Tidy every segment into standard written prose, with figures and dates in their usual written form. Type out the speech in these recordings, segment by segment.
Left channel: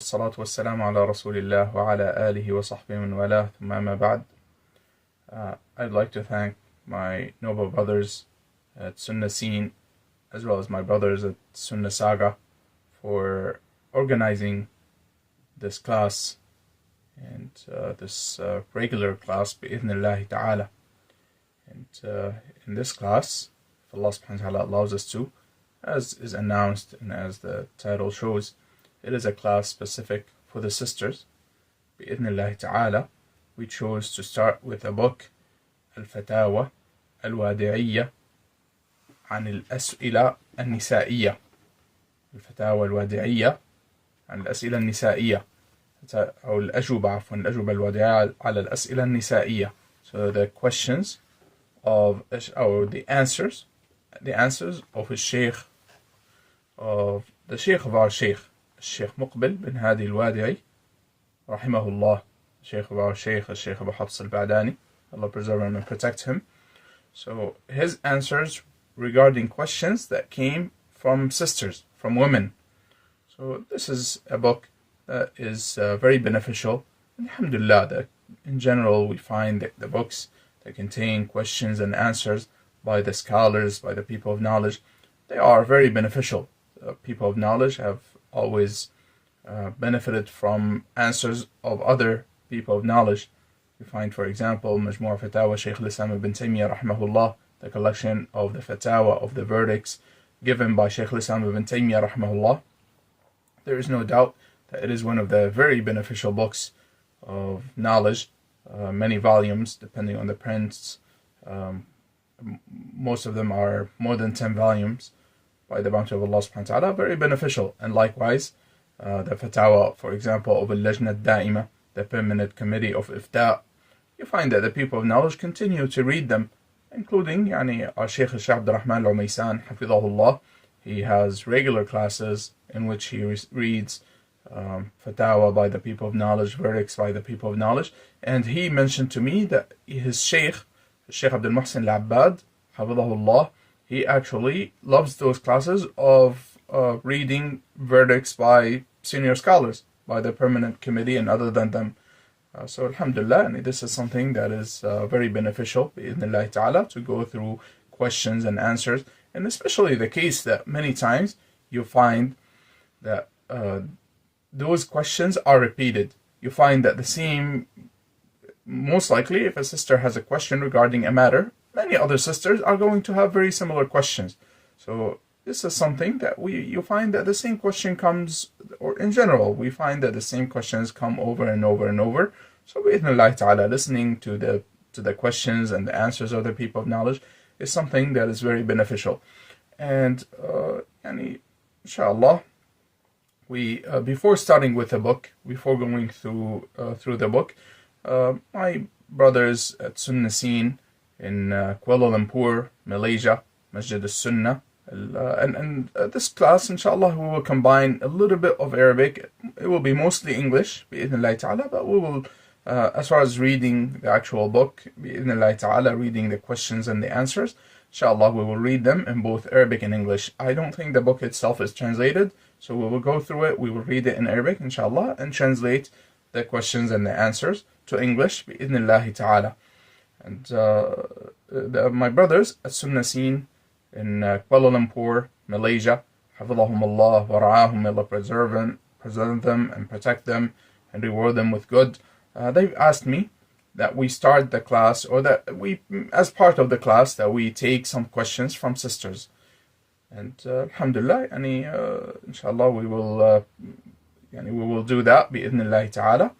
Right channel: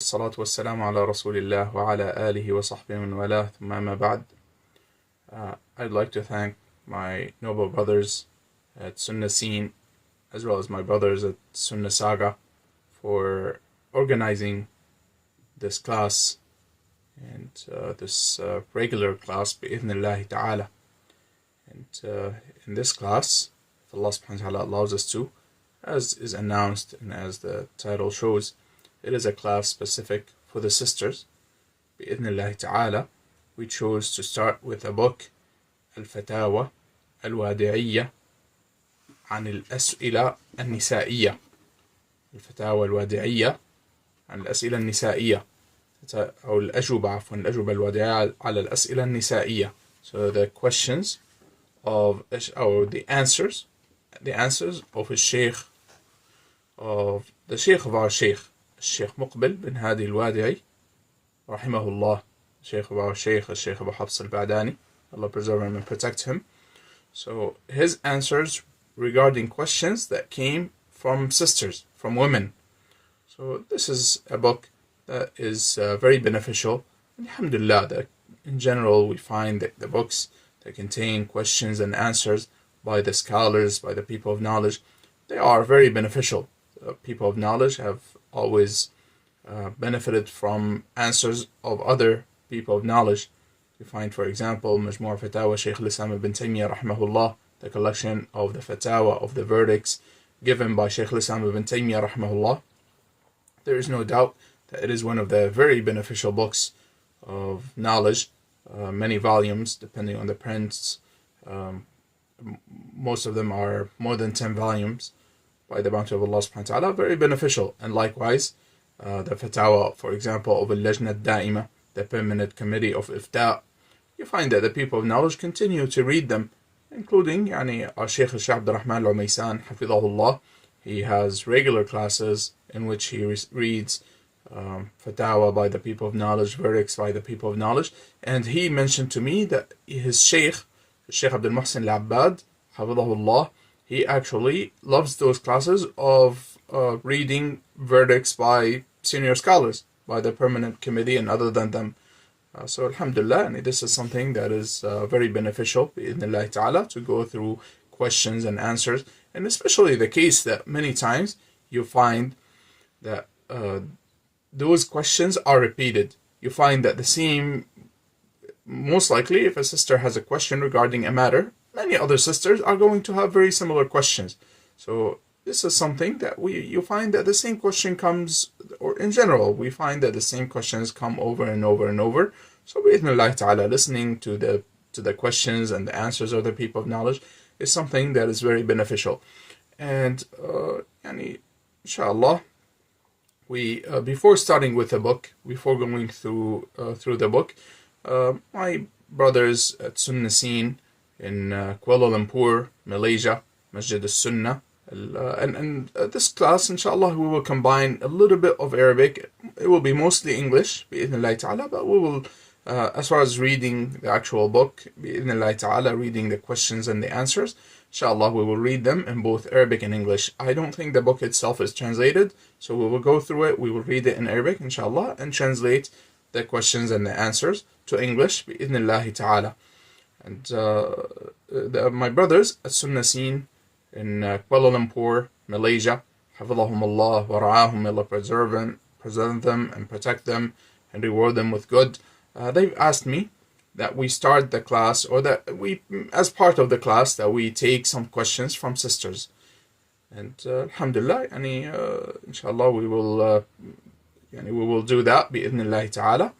الصلاة والسلام على رسول الله وعلى آله وصحبه من والاه ثم أما بعد. I'd like to thank my noble brothers at Sunnah Scene as well as my brothers at Sunnah Saga for organizing this class and this regular class bi'idhnillahi ta'ala. And in this class, if Allah subhanahu wa ta'ala allows us to, as is announced and as the title shows, it is a class specific for the sisters. Bi'idhnillahi ta'ala, we chose to start with a book, Al-Fatawa, Al-Wadi'iyya, عن الأسئلة النسائية. الفتاوى الوادعية عن الأسئلة النسائية. أو الأجوبة عفوا الأجوبة الوادعية على الأسئلة النسائية. So the questions of, or the answers of the Sheikh of our Sheikh, الشيخ مقبل بن هادي الوادعي رحمه الله, Sheikh of our Sheikh, الشيخ أبو حفص البعداني, Allah preserve him and protect him. So his answers regarding questions that came from sisters, from women. So this is a book that is very beneficial. Alhamdulillah, that in general we find that the books that contain questions and answers by the scholars, by the people of knowledge, they are very beneficial. People of knowledge have always benefited from answers of other people of knowledge. You find, for example, Majmu' Fatawa Shaykh al-Islam ibn Taymiyyah rahimahullah, the collection of the fatawa, of the verdicts given by Shaykh al-Islam ibn Taymiyyah rahimahullah. There is no doubt that it is one of the very beneficial books of knowledge. Many volumes, depending on the prints. Most of them are more than 10 volumes by the bounty of Allah subhanahu wa ta'ala, very beneficial. And likewise, the fatawa, for example, of Al-Lajna Da'ima, the permanent committee of Ifta', you find that the people of knowledge continue to read them, including our Shaykh Shaykh Abdul Rahman Al-Umaysan, Hafidhahullah. He has regular classes in which he reads fatawa by the people of knowledge, verdicts by the people of knowledge. And he mentioned to me that his Shaykh, Shaykh Abdul Muhsin Al-Abbad, Hafidhahullah, he actually loves those classes of reading verdicts by senior scholars, by the permanent committee and other than them. So alhamdulillah, and this is something that is very beneficial, bi'idhnillahi ta'ala, to go through questions and answers. And especially the case that many times you find that those questions are repeated. You find that the same, most likely if a sister has a question regarding a matter, many other sisters are going to have very similar questions. So this is something that you find that the same question comes, or in general, we find that the same questions come over and over and over. So bi'idhnillah ta'ala, listening to the questions and the answers of the people of knowledge is something that is very beneficial. And inshallah, we before starting with the book, before going through the book, my brothers at Sunnah Scene in Kuala Lumpur, Malaysia, Masjid al-Sunnah. And this class, inshallah, we will combine a little bit of Arabic. It will be mostly English, bi'idhnillahi ta'ala, but we will, as far as reading the actual book, bi'idhnillahi ta'ala, reading the questions and the answers, inshallah, we will read them in both Arabic and English. I don't think the book itself is translated, so we will go through it, we will read it in Arabic, inshallah, and translate the questions and the answers to English, bi'idhnillahi ta'ala. And my brothers at Sunnah Scene in Kuala Lumpur, Malaysia, Hafidhahumullah wa ra'ahum, Allah preserve them and protect them and reward them with good. They've asked me that we start the class, or that we, as part of the class, that we take some questions from sisters. And alhamdulillah, inshallah, we will do that bi'idhnillahi ta'ala.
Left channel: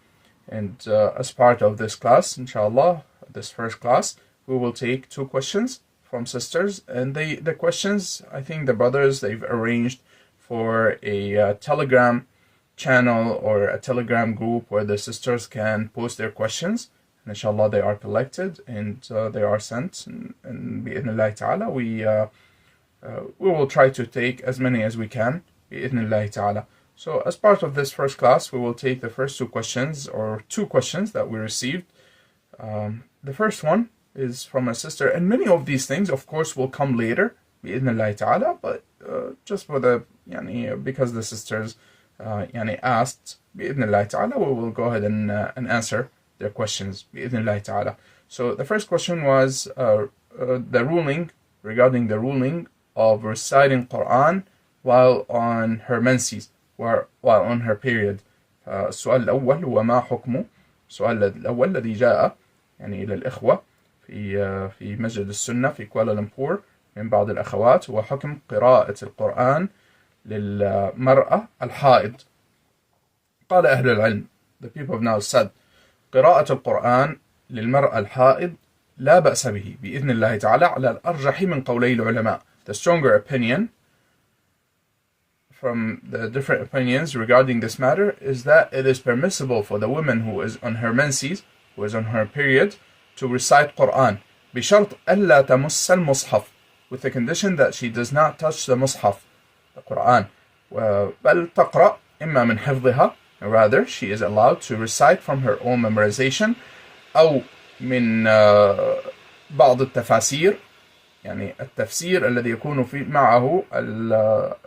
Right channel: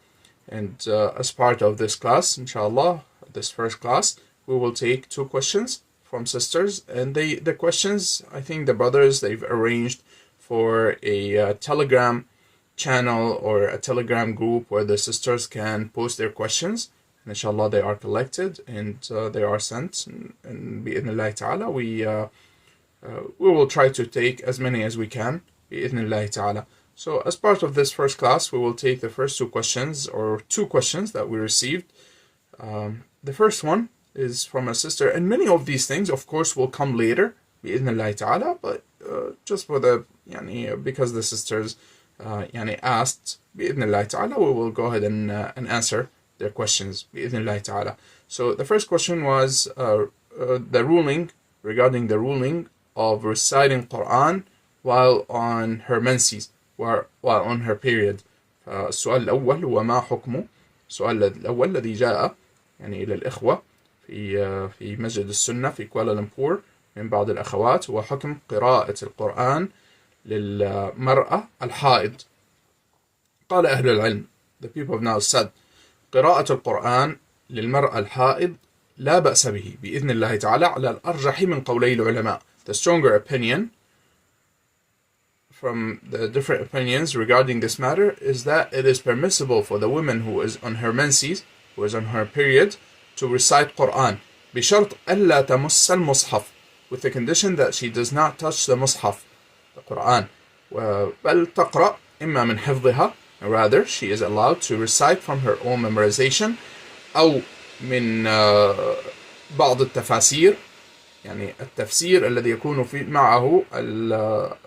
And as part of this class, inshallah, this first class, we will take 2 questions from sisters. And the questions, I think the brothers, they've arranged for a Telegram channel or a Telegram group where the sisters can post their questions. And inshallah, they are collected and they are sent. And bi'idhnillahi ta'ala, we will try to take as many as we can, bi'idhnillahi ta'ala. So as part of this first class, we will take the first 2 questions, or 2 questions that we received. The first one is from a sister, and many of these things, of course, will come later, bi'idhnillahi ta'ala, but just for the, because the sisters يعني asked بإذن الله تعالى. We will go ahead and answer their questions بإذن الله تعالى. So the first question was the ruling, regarding the ruling of reciting Quran while on her menses, while on her period. السؤال الأول هو ما حكمه. السؤال الأول الذي جاء يعني إلى الإخوة في مسجد السنة في كوالالمبور من بعض الأخوات هو حكم قراءة القرآن للمرأة الحائض. قال أهل العلم, the people have now said, قراءة القرآن للمرأة الحائض لا بأس به بإذن الله تعالى على الأرجح من قولي العلماء. The stronger opinion from the different opinions regarding this matter is that it is permissible for the woman who is on her menses, who is on her period, to recite Quran بشرط ألا تمس المصحف, with the condition that she does not touch the mushaf, the Quran, بل تقرأ إما من حفظها, rather she is allowed to recite from her own memorization, أو من بعض التفاسير, يعني التفسير الذي يكون معه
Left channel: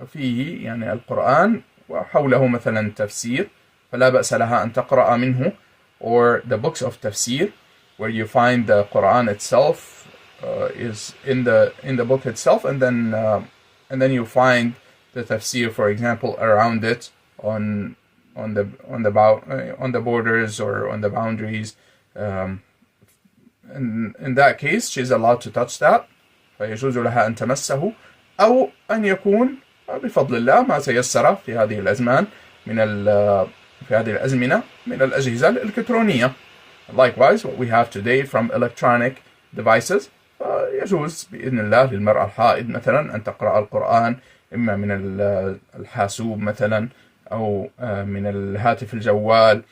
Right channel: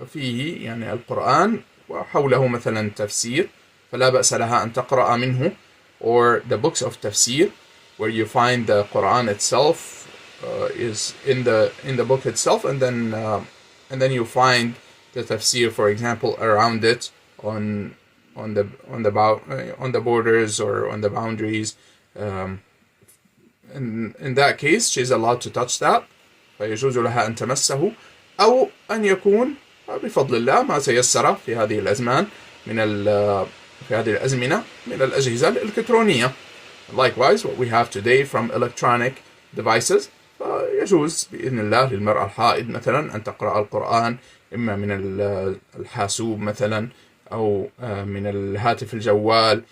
فيه يعني القرآن وحوله مثلا تفسير, فلا بأس لها أن تقرأ منه, or the books of tafsir where you find the Quran itself is in the book itself, and then you find the tafsir, for example, around it on the borders or on the boundaries. In that case, she is allowed to touch that. فيجوز لها أن تمسه, أو أن يكون بفضل الله ما تيسر في هذه الأزمان في هذه الأزمنة من الأجهزة الإلكترونية. Likewise, what we have today from electronic devices, فيجوز بإذن الله للمرأة الحائض مثلا أن تقرأ القرآن إما من الحاسوب مثلا, أو من الهاتف الجوال,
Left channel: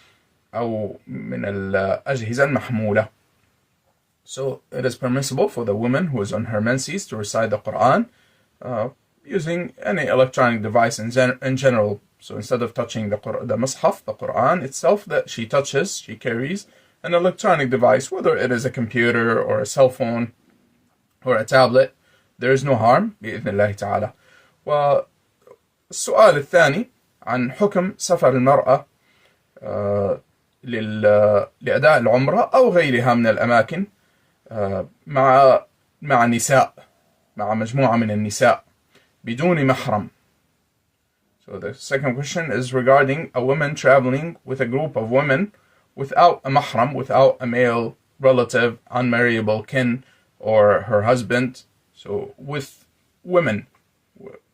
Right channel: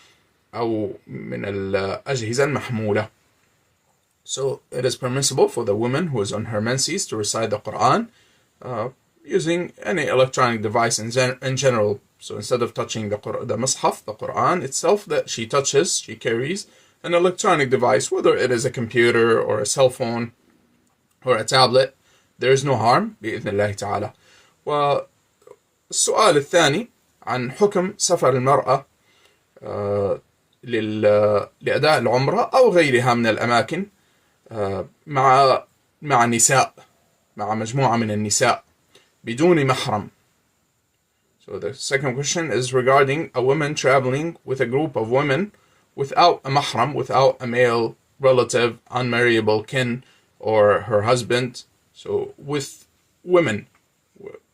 أو من الأجهزة المحمولة. So it is permissible for the woman who is on her menses to recite the Quran using any electronic device in general. So instead of touching the mushaf, the Quran itself, that she touches, she carries an electronic device, whether it is a computer or a cell phone or a tablet. There is no harm بإذن الله تعالى. والسؤال الثاني عن حكم سفر المرأة لأداء العمرة أو غيرها من الأماكن مع نساء, مع مجموعة من النساء بدون محرم. So the second question is regarding a woman traveling with a group of women without a mahram, without a male relative, unmarriable kin, or her husband. So with women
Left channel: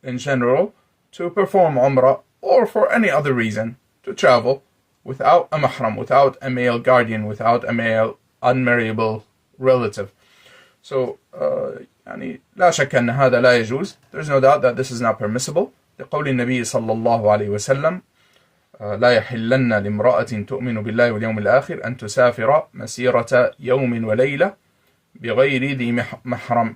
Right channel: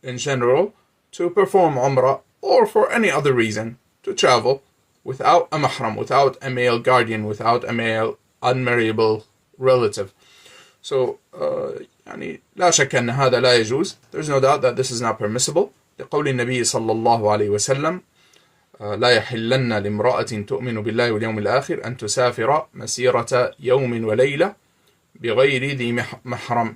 in general to perform umrah, or for any other reason to travel without a mahram, without a male guardian, without a male unmarriable relative. So يعني لا شك أن هذا لا يجوز. There's no doubt that this is not permissible. لقول النبي صلى الله عليه وسلم لا يحلن لامرأة تؤمن بالله واليوم الآخر أن تسافر مسيرة يوم وليلة بغير ذي محرم.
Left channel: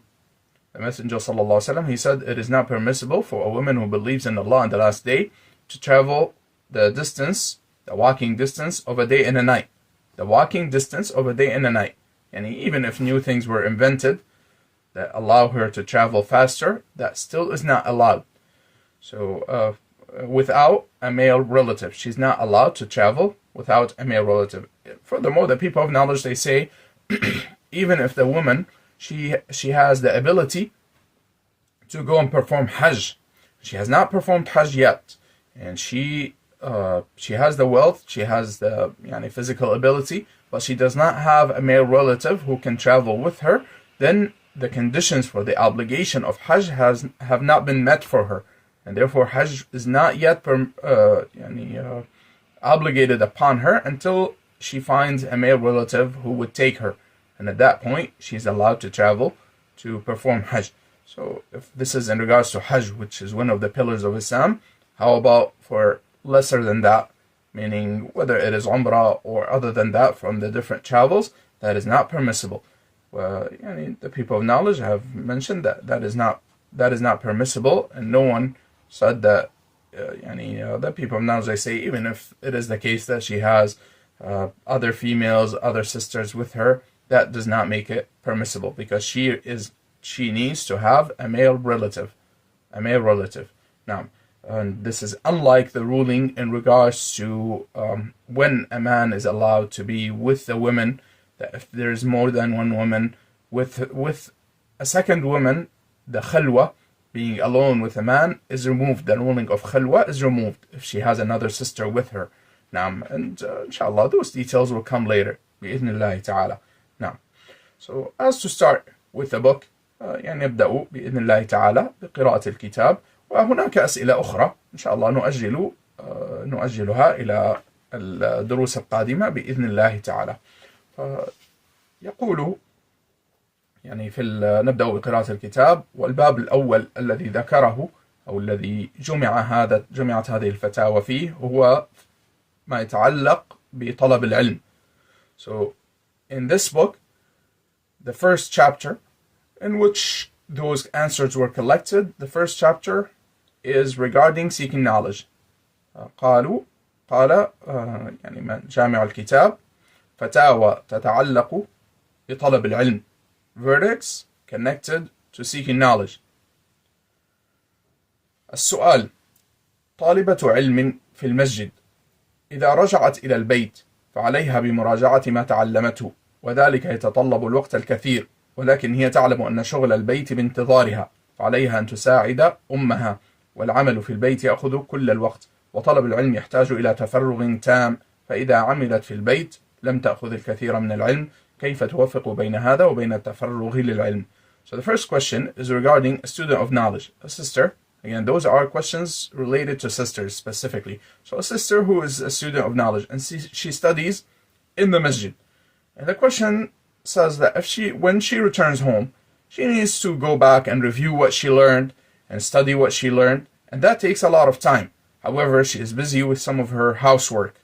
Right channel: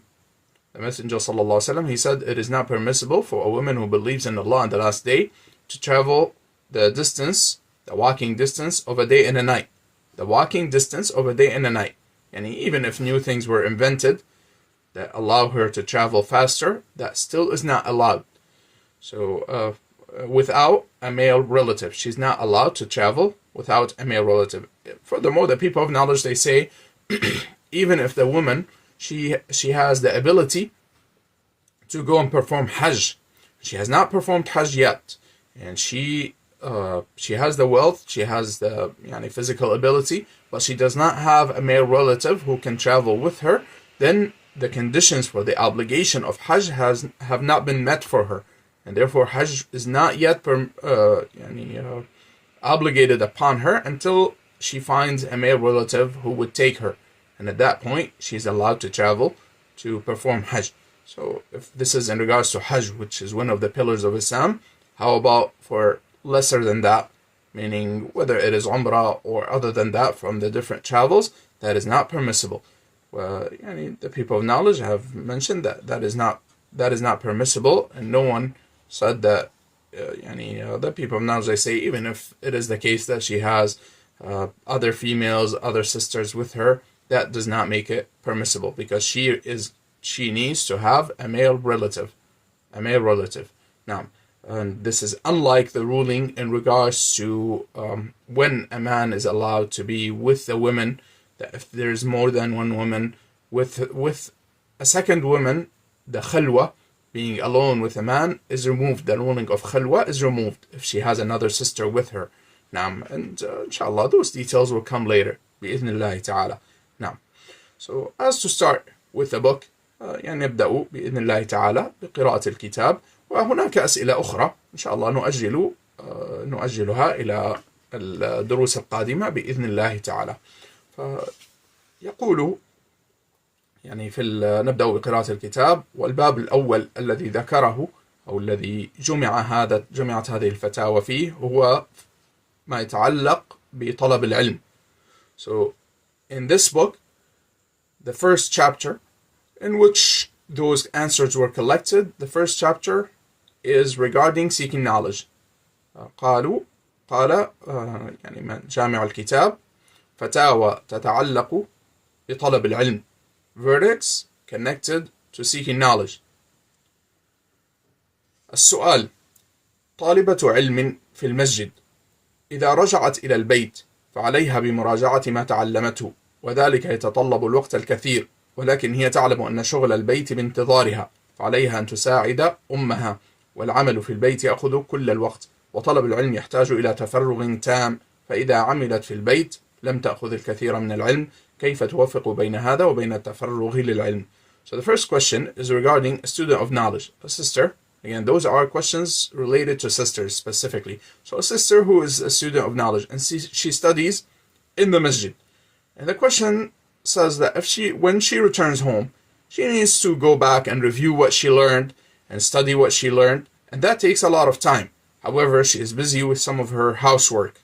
The Messenger صلى الله عليه وسلم, he said, it is not permissible for a woman who believes in Allah and the last day to travel the distance, the walking distance of a day and a night. The walking distance of a day and a night. And even if new things were invented that allow her to travel faster, that still is not allowed. So without a male relative, she's not allowed to travel without a male relative. Furthermore, the people of knowledge, they say, even if the woman, she has the ability to go and perform Hajj, she has not performed Hajj yet, and she has the wealth, she has the physical ability, but she does not have a male relative who can travel with her, then the conditions for the obligation of Hajj have not been met for her, and therefore Hajj is not yet obligated upon her until she finds a male relative who would take her, and at that point she's allowed to travel to perform Hajj. So if this is in regards to Hajj, which is one of the pillars of Islam, how about for lesser than that, meaning whether it is Umrah or other than that from the different travels, that is not permissible. The people of knowledge have mentioned that is not permissible, and no one said that. The people of knowledge, they say, even if it is the case that she has other females, other sisters with her, that does not make it permissible, because she needs to have a male relative. Now, And this is unlike the ruling in regards to when a man is allowed to be with a woman, that if there's more than one woman, with a second woman, the khalwa, being alone with a man, is removed. The ruling of khalwa is removed if she has another sister with her. Naam, and inshallah, those details will come later. بإذن ta'ala. Naam. So, as to start with the book, يعني نبدأ بإذن الله تعالى بقراءة الكتاب، وهناك أسئلة أخرى إن شاء الله نؤجلها إلى الدروس القادمة بإذن الله تعالى. فيقول يعني نبدأ بقراءة الكتاب، والباب الأول الذي ذكره أو الذي جمعت هذه الفتاوى فيه هو ما يتعلق بطلب العلم. So in this book, the first chapter in which those answers were collected, the first chapter is regarding seeking knowledge. قال يعني من جامع الكتاب فتاوى تتعلق بطلب العلم, verdicts connected to seeking knowledge. السؤال: طالبة علم في المسجد إذا رجعت إلى البيت فعليها بمراجعة ما تعلمته، وذلك يتطلب الوقت الكثير، ولكن هي تعلم أن شغل البيت بانتظارها، فعليها أن تساعد أمها، والعمل في البيت يأخذ كل الوقت، وطلب العلم يحتاج إلى تفرغ تام، فإذا عملت في البيت لم تأخذ الكثير من العلم، كيف توفق بين هذا وبين التفرغ للعلم? So the first question is regarding a student of knowledge, a sister. Again, those are questions related to sisters specifically. So a sister who is a student of knowledge and she studies in the masjid. And the question says that when she returns home, she needs to go back and review what she learned and study what she learned. And that takes a lot of time. However, she is busy with some of her housework.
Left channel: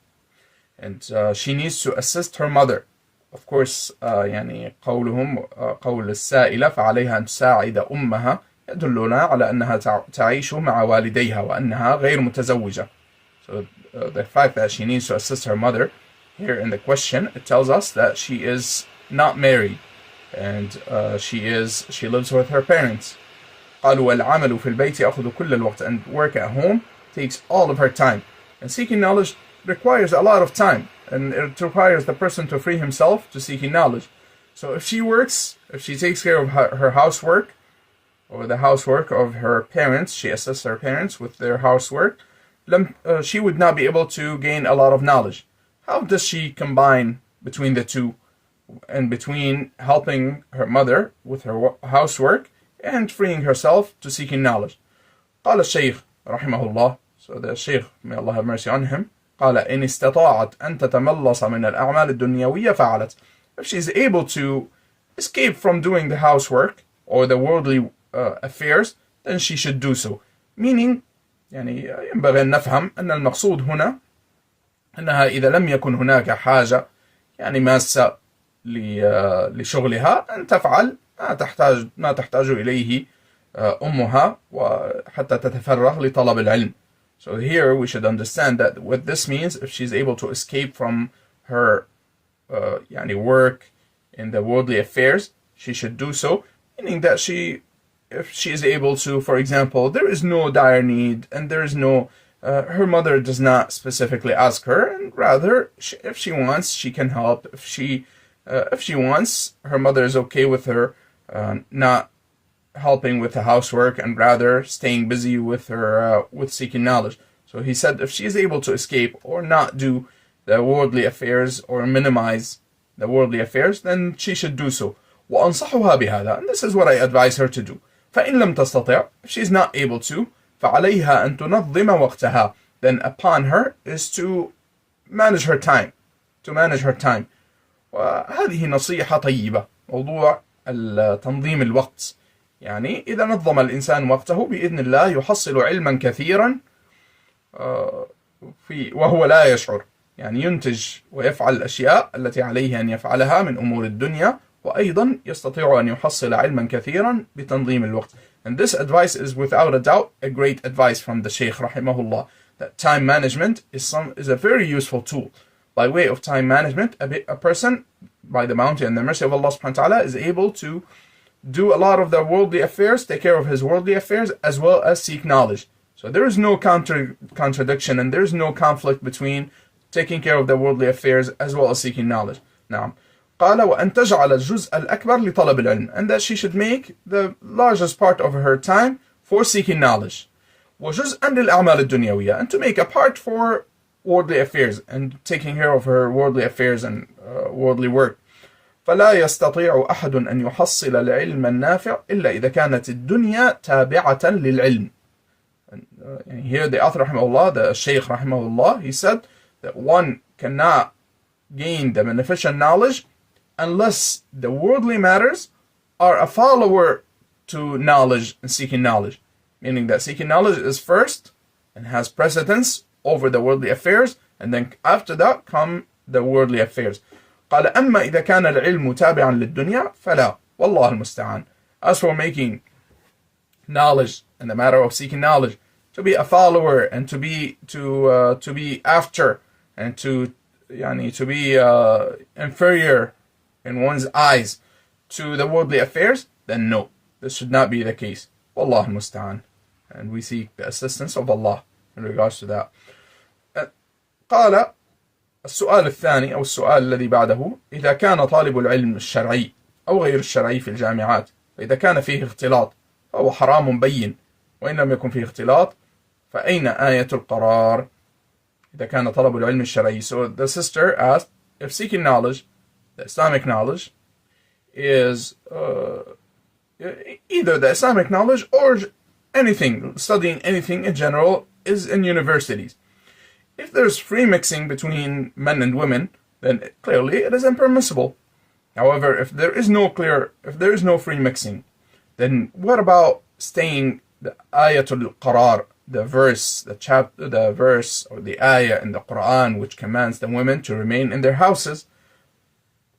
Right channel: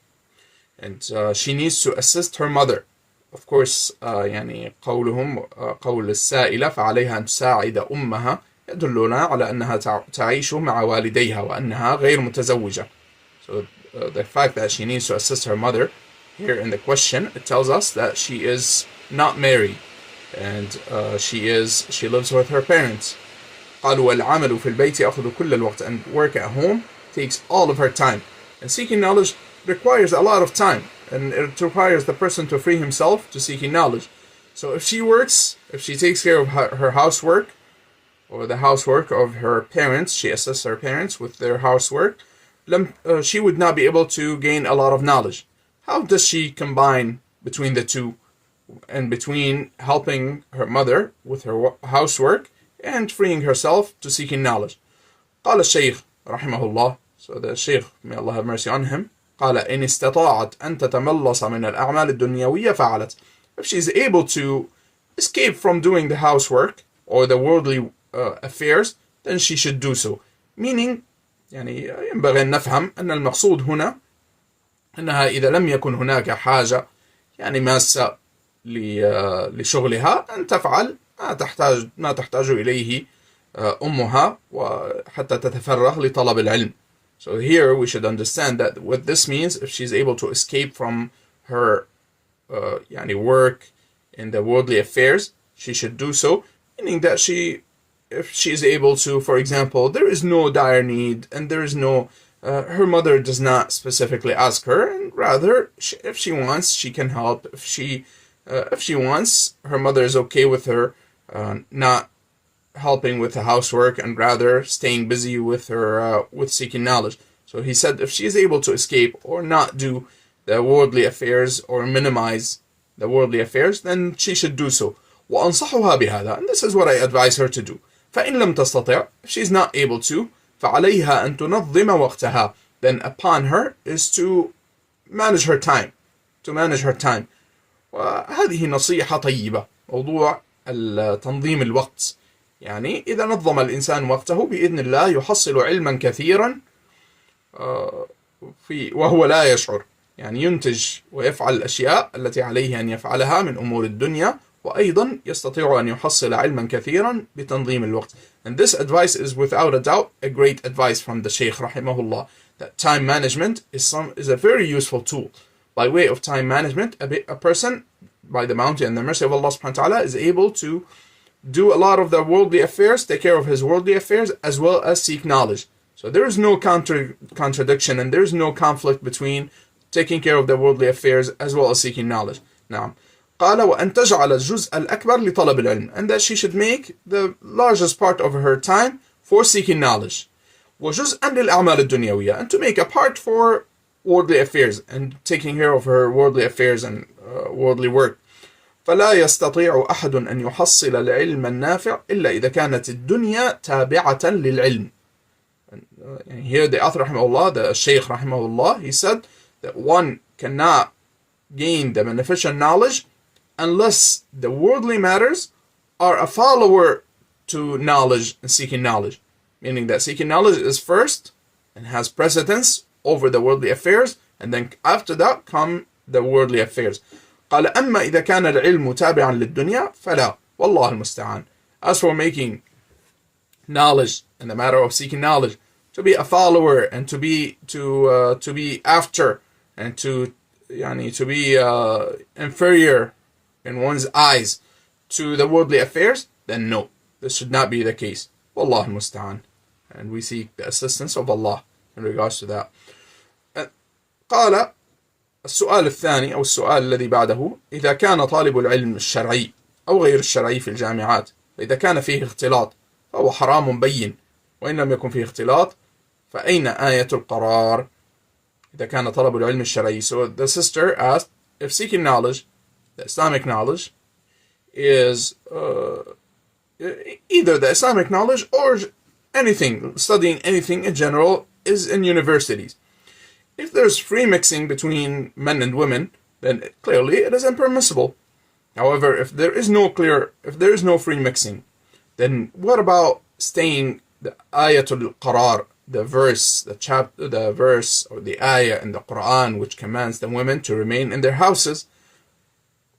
And she needs to assist her mother. Of course, يعني قول السائلة فعليها أن تساعد أمها يدلنا على أنها تعيش مع والديها وأنها غير متزوجة. So the fact that she needs to assist her mother here in the question, it tells us that she is not married and she lives with her parents. قالوا والعمل في البيت يأخذ كل الوقت, and work at home takes all of her time. And seeking knowledge requires a lot of time, and it requires the person to free himself to seeking knowledge. So if she works, if she takes care of her housework or the housework of her parents, she assists her parents with their housework, she would not be able to gain a lot of knowledge. How does she combine between the two and between helping her mother with her housework and freeing herself to seeking knowledge? قال الشيخ رحمه الله, so the Shaykh, may Allah have mercy on him, قال إن استطاعت أن تتملص من الأعمال الدنيوية فعلت. If she's able to escape from doing the housework or the worldly affairs, then she should do so. Meaning, يعني ينبغي أن نفهم أن المقصود هنا أنها إذا لم يكن هناك حاجة يعني ماسة لشغلها أن تفعل ما تحتاج إليه أمها وحتى تتفرغ لطلب العلم. So here we should understand that what this means, if she's able to escape from her يعني work in the worldly affairs, she should do so, meaning that if she is able to, for example, there is no dire need and there is no, her mother does not specifically ask her, and rather, if she wants, she can help. If she wants, her mother is okay with her not helping with the housework and rather staying busy with her with seeking knowledge. So he said if she is able to escape or not do the worldly affairs or minimize the worldly affairs, then she should do so. وأنصحها بهذا, and this is what I advise her to do. فإن لم تستطع, if she is not able to, فعليها أن تنظم وقتها, then upon her is to manage her time. وهذه نصيحة طيبة, موضوع تنظيم الوقت. يعني إذا نظم الإنسان وقته بإذن الله يحصل علما كثيرا وهو لا يشعر, يعني ينتج ويفعل الأشياء التي عليه أن يفعلها من أمور الدنيا, وأيضا يستطيع أن يحصل علما كثيرا بتنظيم الوقت. And this advice is without a doubt a great advice from the Shaykh rahimahullah, that time management is a very useful tool. By way of time management, a person, by the bounty and the mercy of Allah subhanahu wa ta'ala, is able to do a lot of the worldly affairs, take care of his worldly affairs, as well as seek knowledge. So there is no contradiction and there is no conflict between taking care of the worldly affairs as well as seeking knowledge. نعم. قال وأن تجعل الجزء الأكبر لطلب العلم, and that she should make the largest part of her time for seeking knowledge. وجزءا للأعمال الدنيوية, and to make a part for worldly affairs and taking care of her worldly affairs and worldly work. فلا يستطيع أحد أن يحصل العلم النافع إلا إذا كانت الدنيا تابعة للعلم. And here the author rahimahullah, the Shaykh rahimahullah, he said that one cannot gain the beneficial knowledge unless the worldly matters are a follower to knowledge and seeking knowledge. Meaning that seeking knowledge is first and has precedence over the worldly affairs, and then after that come the worldly affairs. قال أما إذا كان العلم تابعا للدنيا فلا والله المستعان. As for making knowledge and the matter of seeking knowledge to be a follower and to be after and to be inferior in one's eyes to the worldly affairs, then no, this should not be the case. والله المستعان. And we seek the assistance of Allah in regards to that. قال السؤال الثاني أو السؤال الذي بعده: إذا كان طالب العلم الشرعي أو غير الشرعي في الجامعات فإذا كان فيه اختلاط فهو حرام بين، وإن لم يكن فيه اختلاط فأين آية القرار؟ إذا كان طلب العلم الشرعي. So the sister asked if seeking knowledge, the Islamic knowledge, is either the Islamic knowledge or anything, studying anything in general, is in universities. If there's free mixing between men and women, then clearly it is impermissible. However, if there is no free mixing, then what about staying the ayatul qarar, the verse or the ayah in the Quran which commands the women to remain in their houses?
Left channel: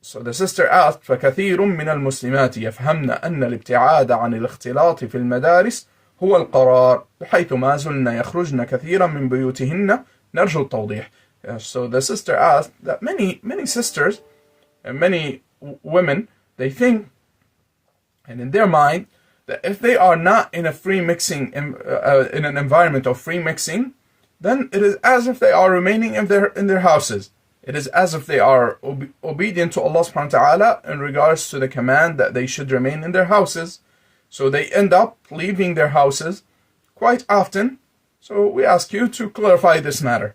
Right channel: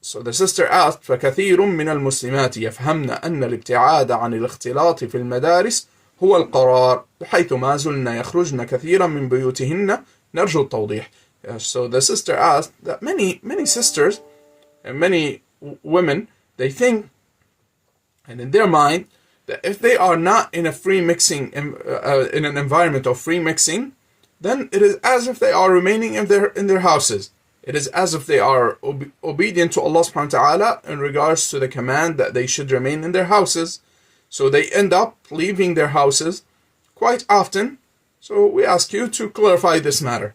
So the sister asked: فكثير من المسلمات يفهمن أن الابتعاد عن الاختلاط في المدارس هو القرار بحيث ما زلن يخرجن كثيرا من بيوتهن نرجو التوضيح. So the sister asked that many sisters and many women, they think, and in their mind, that if they are not in a free mixing, in an environment of free mixing, then it is as if they are remaining in their houses. It is as if they are obedient to Allah subhanahu wa ta'ala in regards to the command that they should remain in their houses. So they end up leaving their houses quite often. So we ask you to clarify this matter.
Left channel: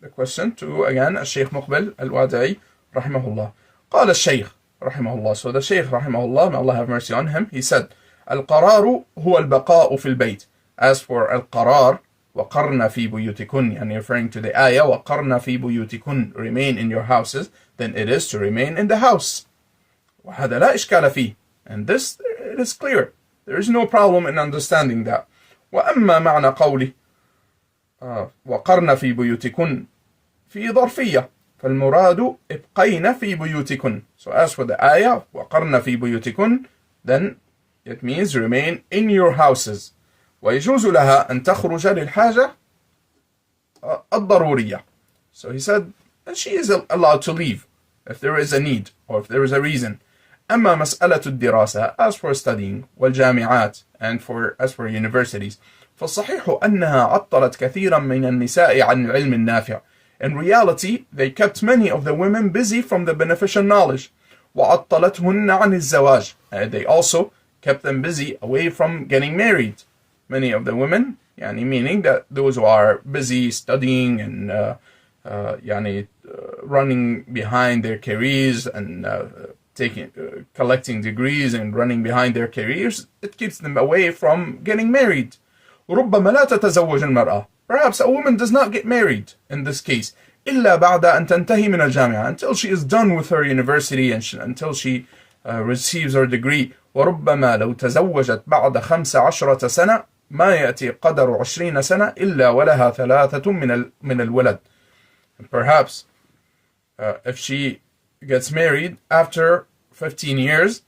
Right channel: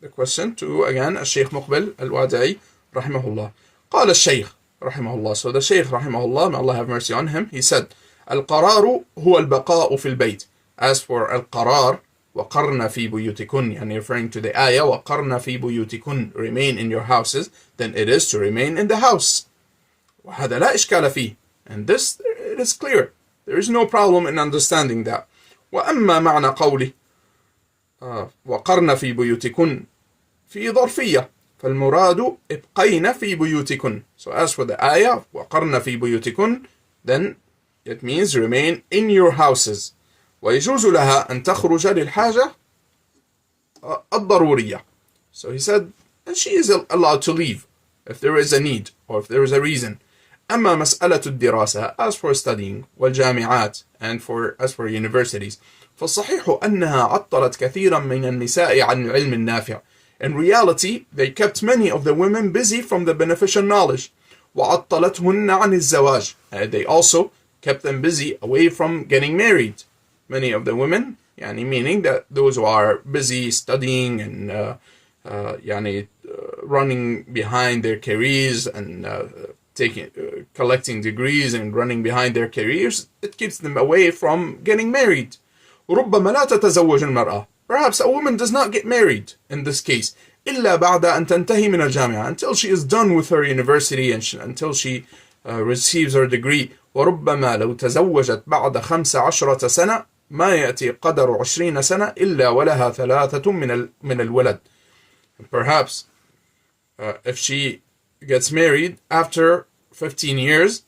The question to, again, Shaykh Muqbil Al-Wadi'i rahimahullah. قال الشيخ رحمه الله. So the Shaykh rahimahullah, may Allah have mercy on him, he said: القرار هو البقاء في البيت. As for القرار, وقرن في بيوتكن, and referring to the ayah, وقرن في بيوتكن, remain in your houses, then it is to remain in the house. وهذا لا إشكال فيه. And this, it is clear. There is no problem in understanding that. وأما معنى قوله وقرن في بيوتكن في ظرفية فالمراد ابقين في بيوتكن. So as for the ayah وقرن في بيوتكن, then it means remain in your houses. ويجوز لها أن تخرج للحاجة الضرورية. So he said, and she is allowed to leave if there is a need or if there is a reason. أما مسألة الدراسة, as for studying, والجامعات, and as for universities, فالصحيح أنها عطلت كثيرا من النساء عن العلم النافع. In reality, they kept many of the women busy from the beneficial knowledge. وعطلتهن عن الزواج. They also kept them busy away from getting married. Many of the women, meaning that those who are busy studying and running behind their careers and collecting degrees and running behind their careers, it keeps them away from getting married. ربما لا تتزوج المرأة. Perhaps a woman does not get married in this case إلا بعد أن تنتهي من الجامعة, until she is done with her university and until she receives her degree. وربما لو تزوجت بعد 15 سنة ما يأتي قدر 20 سنة إلا ولها 3 من الولد. Perhaps if she gets married after 15 years,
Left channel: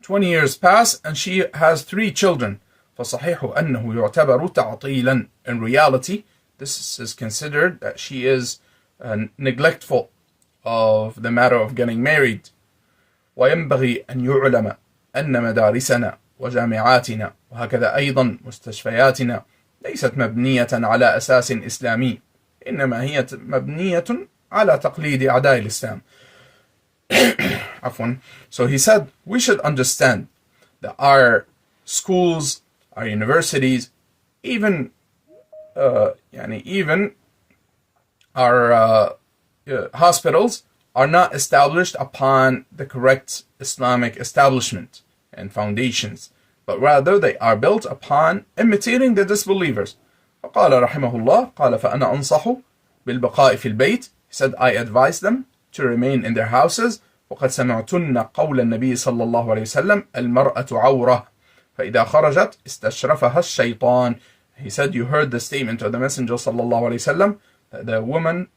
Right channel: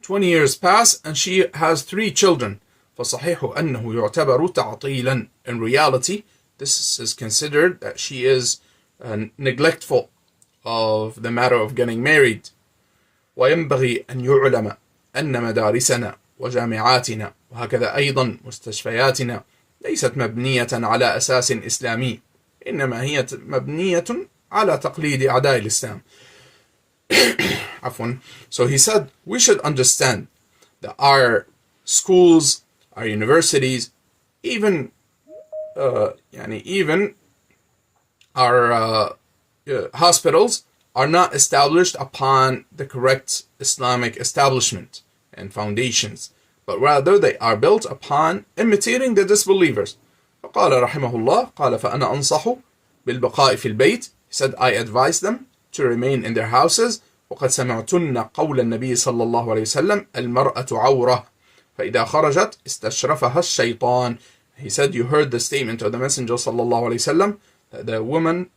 20 years pass and she has 3 children. فصحيح أنه يعتبر تعطيلا. In reality, this is considered that she is neglectful of the matter of getting married. وينبغي أن يعلم أن مدارسنا وجامعاتنا وهكذا أيضا مستشفياتنا ليست مبنية على أساس إسلامي، إنما هي مبنية على تقليد أعداء الإسلام. عفوا. So he said we should understand that our schools, our universities, even even our hospitals are not established upon the correct Islamic establishment and foundations, but rather they are built upon imitating the disbelievers. فقال رحمه الله قال فأنا أنصح بالبقاء في البيت. He said, I advise them to remain in their houses. وقد سمعتن قول النبي صلى الله عليه وسلم المرأة عورة فإذا خرجت استشرفها الشيطان. He said, you heard the statement of the Messenger صلى الله عليه وسلم that the woman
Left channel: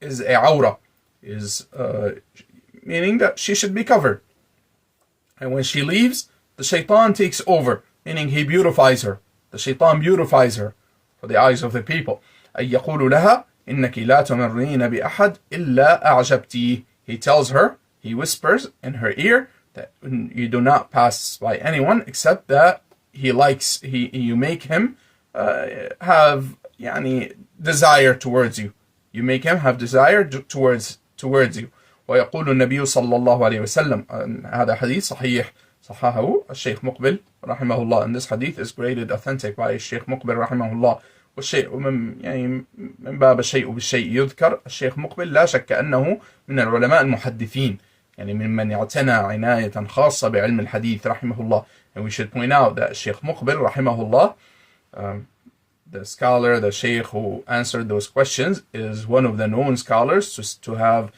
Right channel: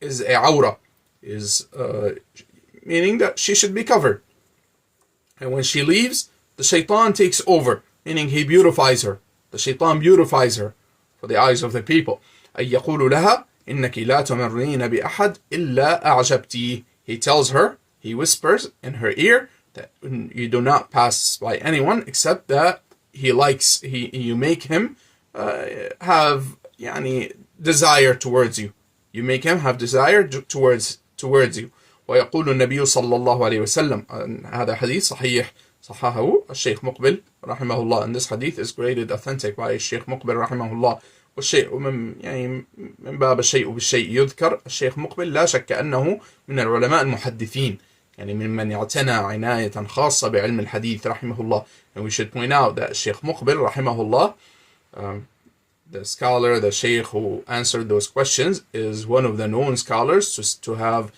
is a awra, is meaning that she should be covered. And when she leaves, the shaitan takes over, meaning he beautifies her. The shaitan beautifies her for the eyes of the people. أي يقول لها إنك لا تمرين بأحد إلا أعجبتيه. He tells her, he whispers in her ear that you do not pass by anyone except that you make him have desire towards you. You make him have desire towards you. ويقول النبي صلى الله عليه وسلم, هذا حديث صحيح صححه الشيخ مقبل رحمه الله, and this hadith is graded authentic by الشيخ مقبل رحمه الله. والشيء من باب الشيء بالشيء يذكر. الشيخ مقبل لا شك أنه من العلماء المحدثين, ممن اعتنى عناية خاصة بعلم الحديث رحمه الله. And we should point out that الشيخ مقبل رحمه الله, the scholar, the sheikh who answered those questions, is one of the known scholars to have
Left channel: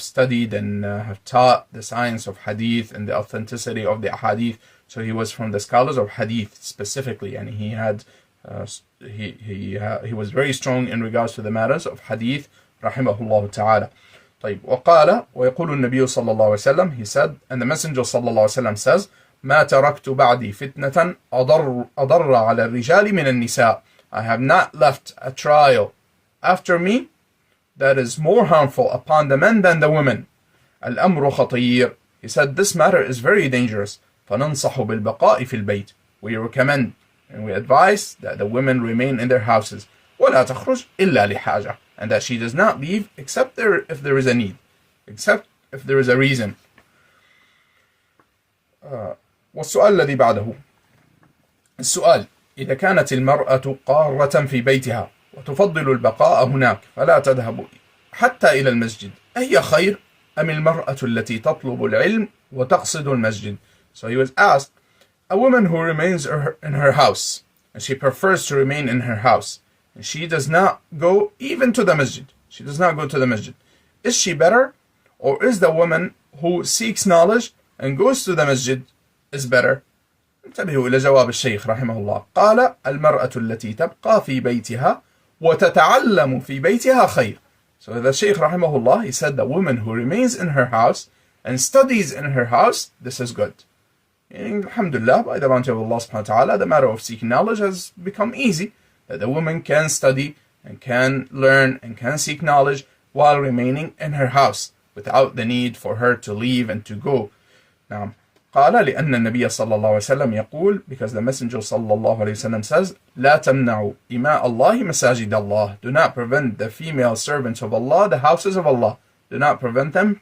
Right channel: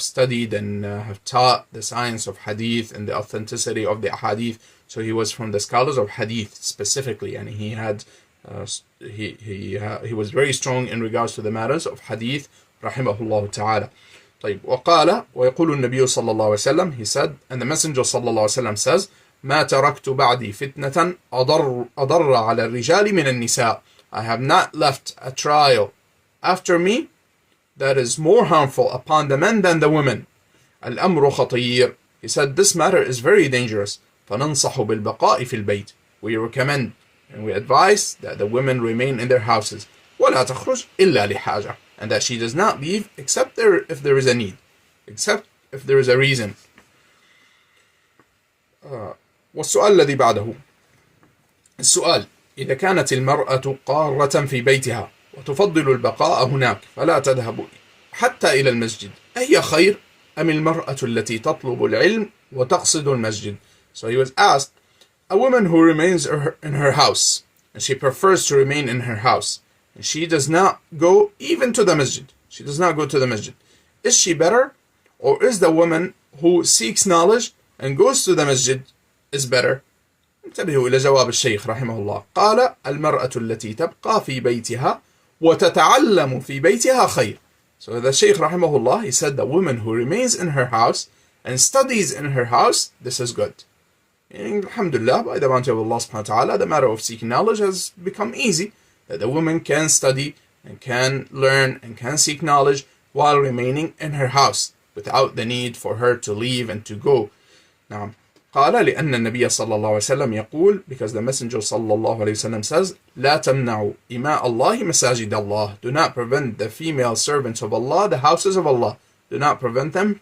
studied and have taught the science of hadith and the authenticity of the hadith. So he was from the scholars of hadith specifically, and he had he was very strong in regards to the matters of hadith رحمه الله تعالى. طيب وقال ويقول النبي صلى الله عليه وسلم, he said, and the Messenger صلى الله عليه وسلم says, ما تركت بعدي فتنة أضر على الرجال من النساء. I have not left a trial after me that is more harmful upon the men than the women. الأمر خطير. He said, this matter is very dangerous. فننصح بالبقاء في البيت. We recommend and we advise that the women remain in their houses. ولا تخرج إلا لحاجة. And that she does not leave except if there is a need, except if there is a reason. والسؤال الذي بعده. السؤال: إذا كانت المرأة قارة في بيتها وتفضل البقاء هناك فلا تذهب حتى إلى المسجد، أهي خير أم المرأة التي تطلب العلم وتقصد المسجد? So he was asked, a woman who remains in her house and she prefers to remain in her house and she does not go even to the masjid. She does not go to the masjid. Is she better, or is the woman who seeks knowledge and goes to the masjid is better? انتبهوا إلى جواب الشيخ رحمه الله. قال المرأة التي تبقى في بيتها وتتعلم في بيتها خير. So the Shaykh rahimahullah, he said the woman who remains in her house and studies in her house, this is good. And alhamdulillah, by the bounty of Allah subhanahu wa ta'ala, the matter of seeking knowledge has become easy. That the woman can study and can learn and can seek knowledge while remaining in her house without the need for her to leave and to go. Now, قال لأن النبي صلى الله عليه وسلم يقول, because the Messenger صلى الله عليه وسلم says, لا تمنعوا إماء الله مساجد الله. Do not prevent the female servants of Allah, the houses of Allah. Do not prevent them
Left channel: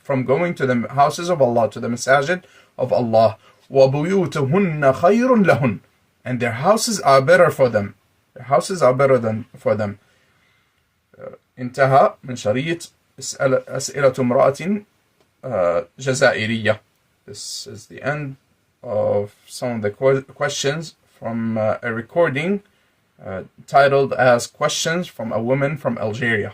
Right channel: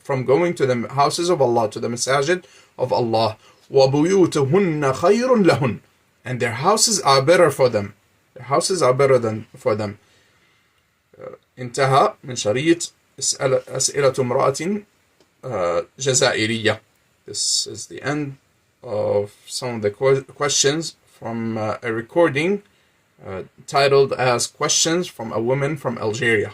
from going to the houses of Allah, to the masajid of Allah. وَبُيُوتُهُنَّ خَيْرٌ لَهُنْ. And their houses are better for them. Their houses are better for them. انتهى من شريط أسئلة امرأة جزائرية. This is the end of some of the questions from a recording titled as Questions from a Woman from Algeria.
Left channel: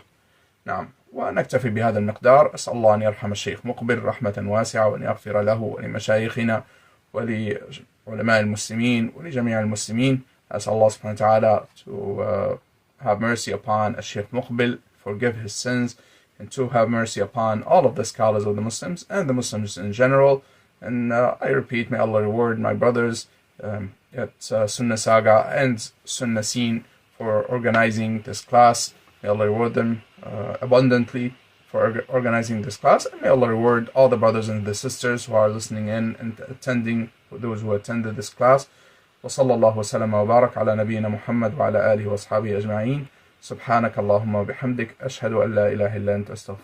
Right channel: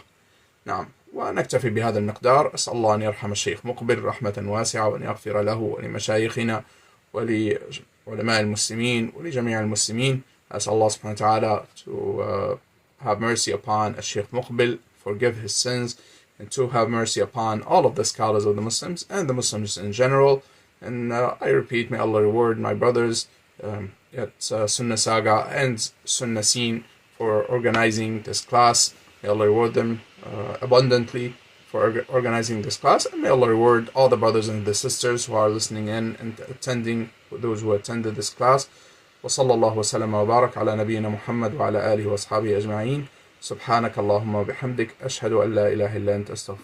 نعم. ونكتفي بهذا المقدار. أسأل الله أن يرحم الشيخ مقبل رحمة واسعة وأن يغفر له ولمشايخنا ولعلماء المسلمين ولجميع المسلمين. أسأل الله سبحانه وتعالى to have mercy upon Sheikh Muqbil, forgive his sins, and to have mercy upon all of the scholars of the Muslims and the Muslims in general. And I repeat, may Allah reward my brothers at Sunnah Saga and Sunnah Scene for organizing this class. May Allah reward them abundantly for organizing this class, and may Allah reward all the brothers and the sisters who are listening in and attending, those who attended this class. وصلى الله وسلم وبارك على نبينا محمد وعلى آله وأصحابه أجمعين. سبحانك اللهم وبحمدك، أشهد أن لا إله إلا أنت، أستغفرك.